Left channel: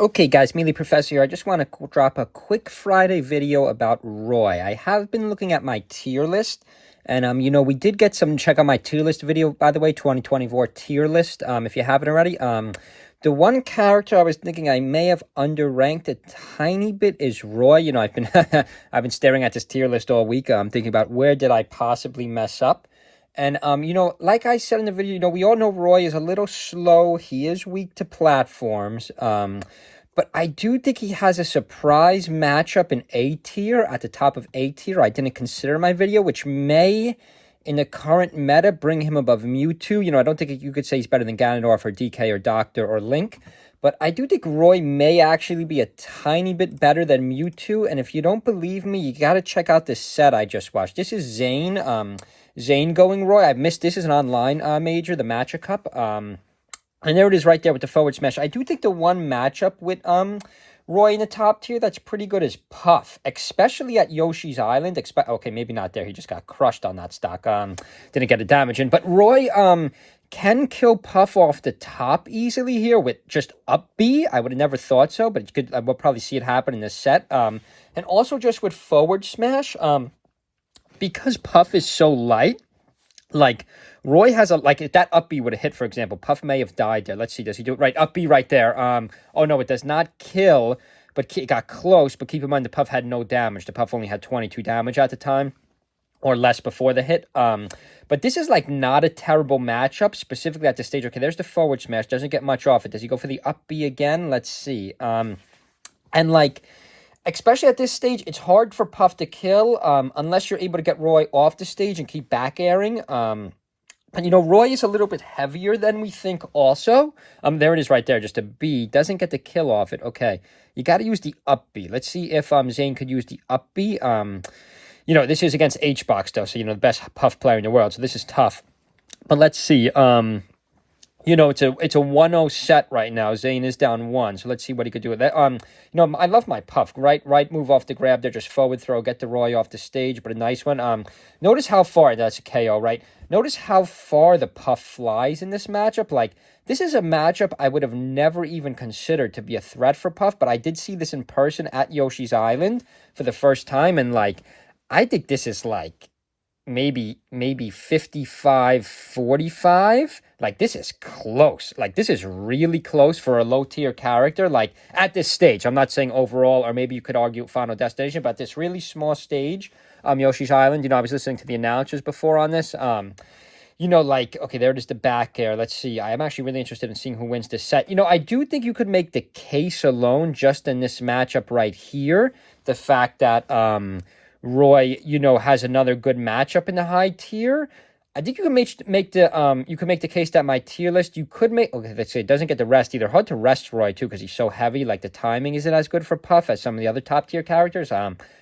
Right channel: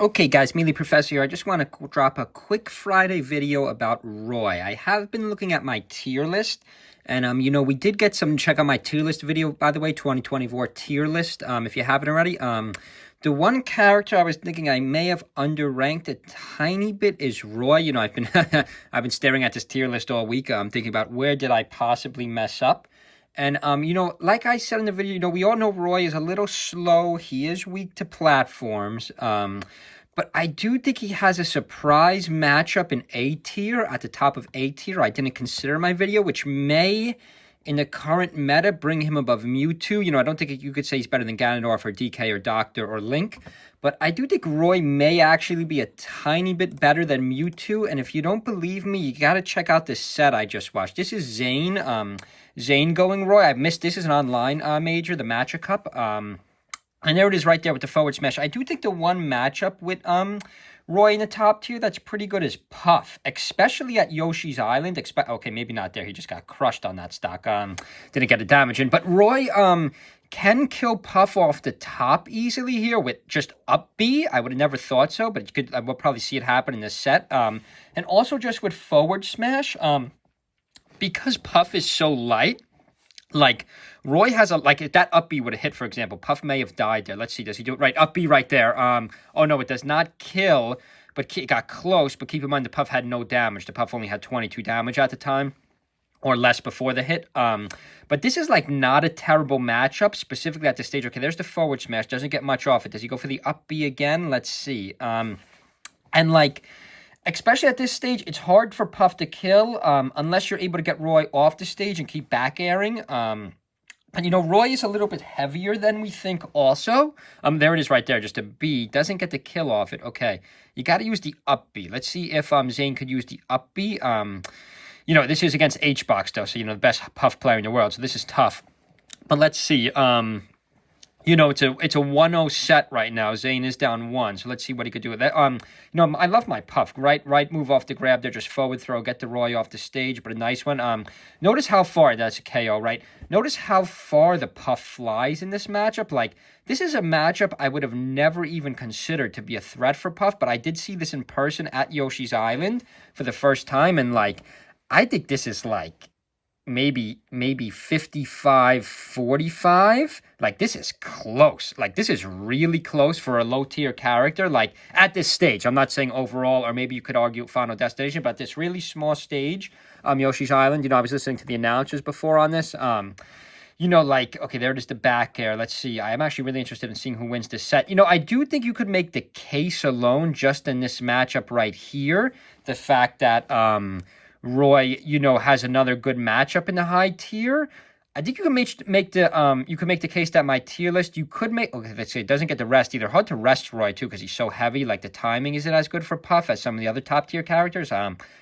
Okay, guys, MeleeProfessor here. I just want to drop a quick Friday video about Roy. I have been looking at my tier list, and, we did get some, check out my tier list video, by the way, 2024 tier list, if you haven't already. The one character I was thinking I may have underranked a tiny bit is Roy. I've been, I've been staring at this tier list all week. I'm thinking about where did I possibly mess up. And, like I said in the video, we all know Roy is a little slow. He is weak to platforms. But I do think he has a surprise matchup in A tier, at the top of A tier. I didn't consider my video, which may, in the current meta, bring him above Mewtwo. I don't think you could say he's better than Ganondorf or DK or Doctor or Link. But I do think Roy may actually be a tiny bit better than Mewtwo. And if you don't believe me, you got to check out this set I just watched. This is Zane. Zane going Roy. I missed this is an online major, the Matcha Cup. And there it is right there with the forward smash. I do think the one matchup with Roy in the top tier that's pretty good is Puff, especially at Yoshi's Island. Okay, maybe not there. He just got crushed on that stock. Didn't get the damage in. But Roy can kill Puff off the top easily here with just up B. I would have never thought so, but we'll probably see it happen in this set. And also just with forward smash, because Puff is so light, like, Roy has if that up B would have hit, for example, Puff may have died there. Let's see, does he do it? Right, up B right there. Oh, no, it does not kill, but it got close. But keep in mind, the Puff had no damage. The Puff only had 22 damage at the time, or less before the hit. But this is, not a terrible matchup, specifically at this stage. Okay, there's the forward smash. Doesn't get much off it. Does he go for the up B again? Let's see. Especially at this stage, it's hard for Puff to kill unless you're able to get Roy off the stage and keep back airing. But, Roy is a little bit heavier than we think also. There it is right there, just a B. Doesn't get the kill off it. Okay, you got to use the up B. Let's see if Zane could use the up B. This is against H-Box, though, so, the best Puff player in the world, so this is tough. But let's see. It's a 1-0 set right now. Zane is down 1, so let's see what he could do with that. I love my Puff. Right move off the grab there, just forward throw, get the Roy off the stage, but a nice one. Notice how far, that's a KO, right? Notice how far the Puff flies in this matchup. This is a matchup I would have never even considered to be a threat for Puff, but I did see this in person at Yoshi's Island for the first time, and, I think this is, maybe 55-45. This is close. This is really close for a low tier character. At this stage, I'm not saying overall, or maybe you could argue Final Destination, but this really small stage, Yoshi's Island, I was listening to the announcers before on this. Okay, there it is, the back air. Let's see. I am actually really interested in seeing who wins this set. I do think you could make the case alone just in this matchup right here. The fact that, Roy, has another good matchup in the high tier. I think you can make the case that my tier list, you could make, okay, let's say it doesn't get the rest either. Hard to rest Roy, too, because he's so heavy. The timing isn't as good for Puff as some of the other top tier characters,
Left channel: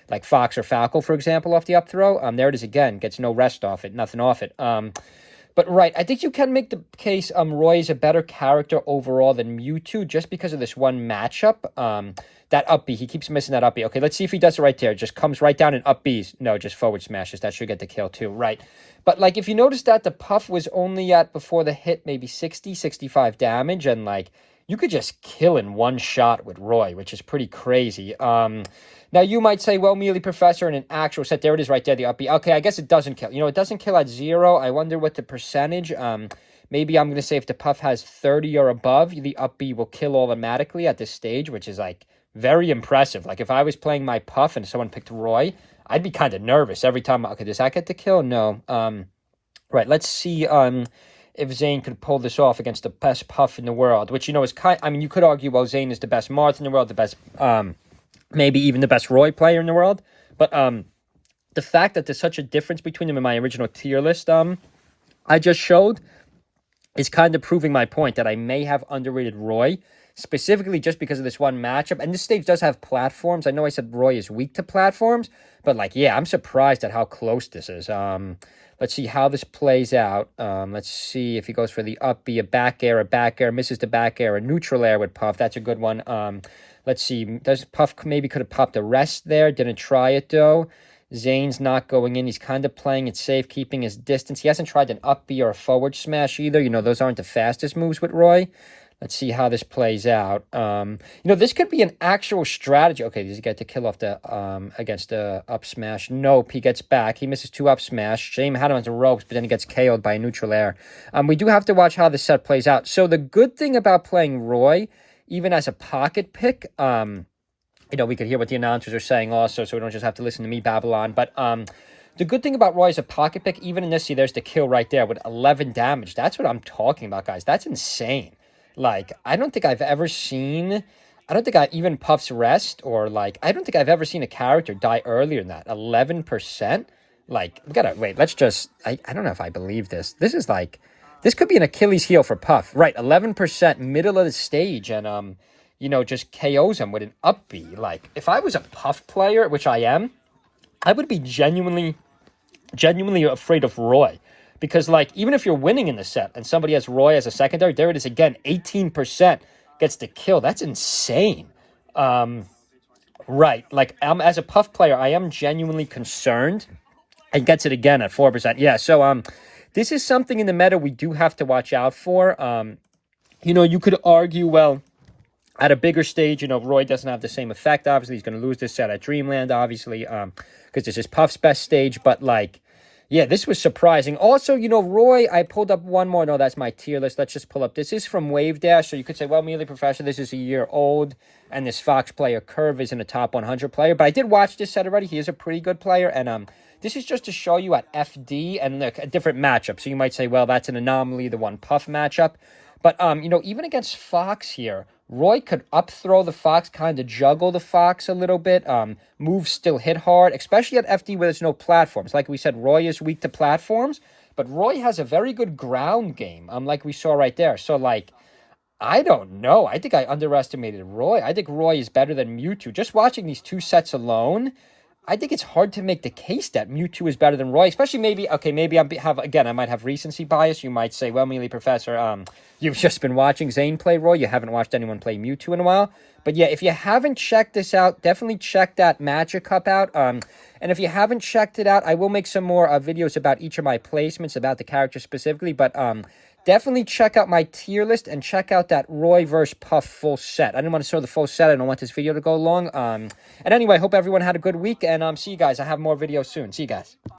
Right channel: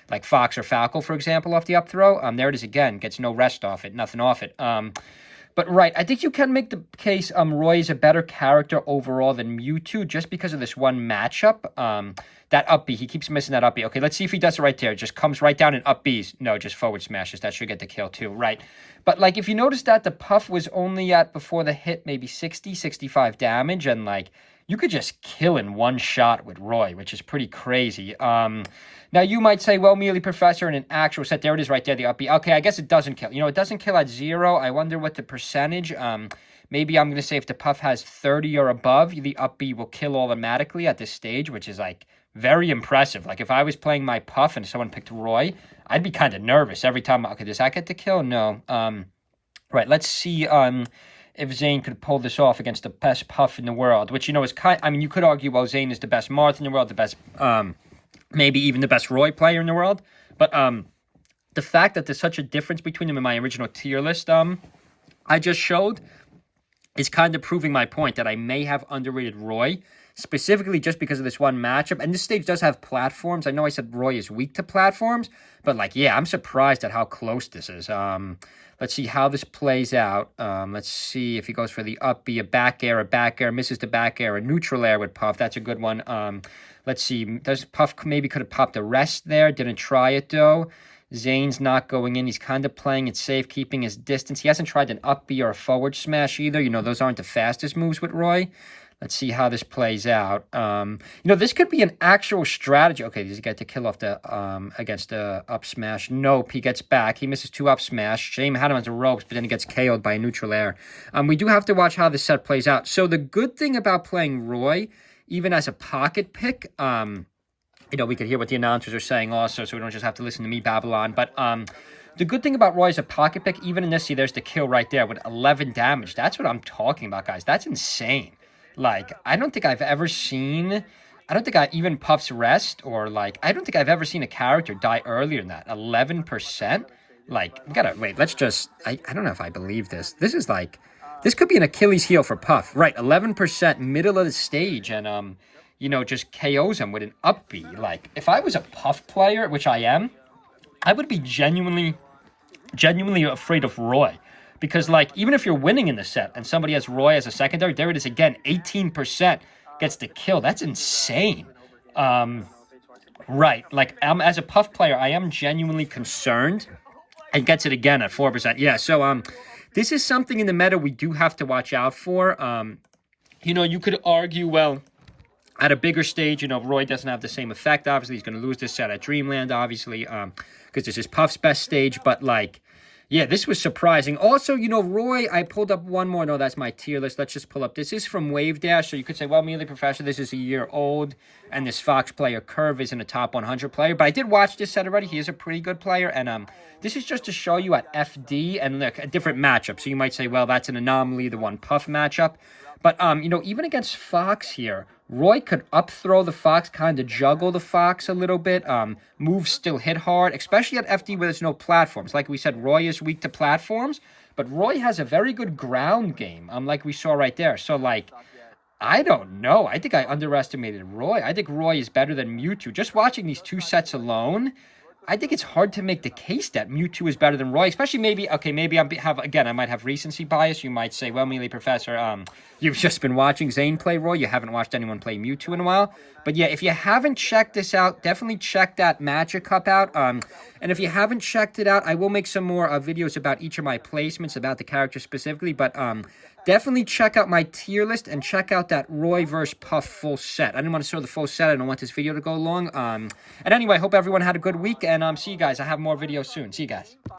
like Fox or Falco, for example, off the up throw. There it is again, gets no rest off it, nothing off it. But right, I think you can make the case Roy is a better character overall than Mewtwo just because of this one matchup. That up B, he keeps missing that up B. Okay, let's see if he does it right there. Just comes right down and up Bs. No, just forward smashes. That should get the kill too, right? But, if you notice that the Puff was only at, before the hit, maybe 60, 65 damage, and, you could just kill in one shot with Roy, which is pretty crazy. Now, you might say, well, MeleeProfessor, in an actual set, there it is right there, the up B. Okay, I guess it doesn't kill. It doesn't kill at 0. I wonder what the percentage, maybe I'm going to say if the Puff has 30 or above, the up B will kill automatically at this stage, which is, very impressive. If I was playing my Puff and someone picked Roy, I'd be kind of nervous every time. Okay, does that get the kill? No. Right, let's see if Zane could pull this off against the best Puff in the world, which, is you could argue, well, Zane is the best Marth in the world, the best, maybe even the best Roy player in the world. But the fact that there's such a difference between them in my original tier list I just showed is kind of proving my point that I may have underrated Roy, specifically just because of this one matchup. And this stage does have platforms. I know I said Roy is weak to platforms, but, yeah, I'm surprised at how close this is. Let's see how this plays out. Let's see if he goes for the up B, a back air, misses the back air, a neutral air with Puff. That's a good one. Let's see. Does Puff maybe could have popped a rest there? Didn't try it, though. Zane's not going in. He's kind of playing it safe, keeping his distance. He hasn't tried an up B or a forward smash either. Those aren't the fastest moves with Roy. Let's see how this plays out. This could be an actual strategy. Okay, does he get to kill off the against the up smash? Nope, he gets back. He misses 2 up smash. Shame had him on the ropes, but then he gets KO'd by a neutral air. We do have to watch how this set plays out. So the good thing about playing Roy, even as a pocket pick, we could hear what the announcers are saying also, so we don't just have to listen to me babble on. But the good thing about Roy as a pocket pick, even in this, see, there's the kill right there with 11 damage. That's what I'm talking about, guys. That's insane. Like, I don't think I've ever seen, I don't think I even Puff's Rest, or like, I don't think I've ever seen a character die earlier than that. 11%? Like, we gotta, wait, let's just, I don't know if I believe this. This is like, this could be an Achilles heel for Puff. Right, 11% middle of the stage, and, just KOs him with an up B. Like, if I was a Puff player, which I am, I would be genuinely afraid of Roy. Because, like, even if you're winning in the set and somebody has Roy as a secondary, there it is again, 18% gets the kill. That's insane. Right. Like, as a Puff player, I am genuinely concerned. And gets it again at 4%. Yeah, so this is something in the meta we do have to watch out for. You could argue, well, at a bigger stage, Roy doesn't have the same effect. Obviously, he's going to lose this set at Dreamland, obviously, because this is Puff's best stage. But, like, yeah, this was surprising. Also, Roy, I pulled up one more. No, that's my tier list. Let's just pull up. This is from Wave Dash. So you could say, well, MeleeProfessor, this is a year old. And this Fox player Curve isn't a top 100 player. But I did watch this set already. He is a pretty good player. And this is just to show you at FD and look, a different matchup. So you might say, well, that's an anomaly, the one Puff matchup. But, even against Fox here, Roy could up throw the Fox, kind of juggle the Fox a little bit. Moves still hit hard, especially at FD where there's no platforms. Like we said, Roy is weak to platforms, but Roy has a very good ground game, like we saw right there. So, like, I don't know. I think I underestimated Roy. I think Roy is better than Mewtwo. Just watching these 2 sets alone, I think it's hard to make the case that Mewtwo is better than Roy, especially maybe I might have recency bias. You might say, well, MeleeProfessor, you've just been watching Zane play Roy. You haven't watched anyone play Mewtwo in a while. But yeah, if you haven't checked this out, definitely check that Magic Cup out. And if you haven't checked it out, I will make some more videos about each of my placements, about the character specifically. But definitely check out my tier list and check out that Roy vs. Puff full set. I didn't want to show the full set. I don't want this video to go long. And anyway, I hope everyone had a good week. And see you guys. I have more videos soon. See you guys.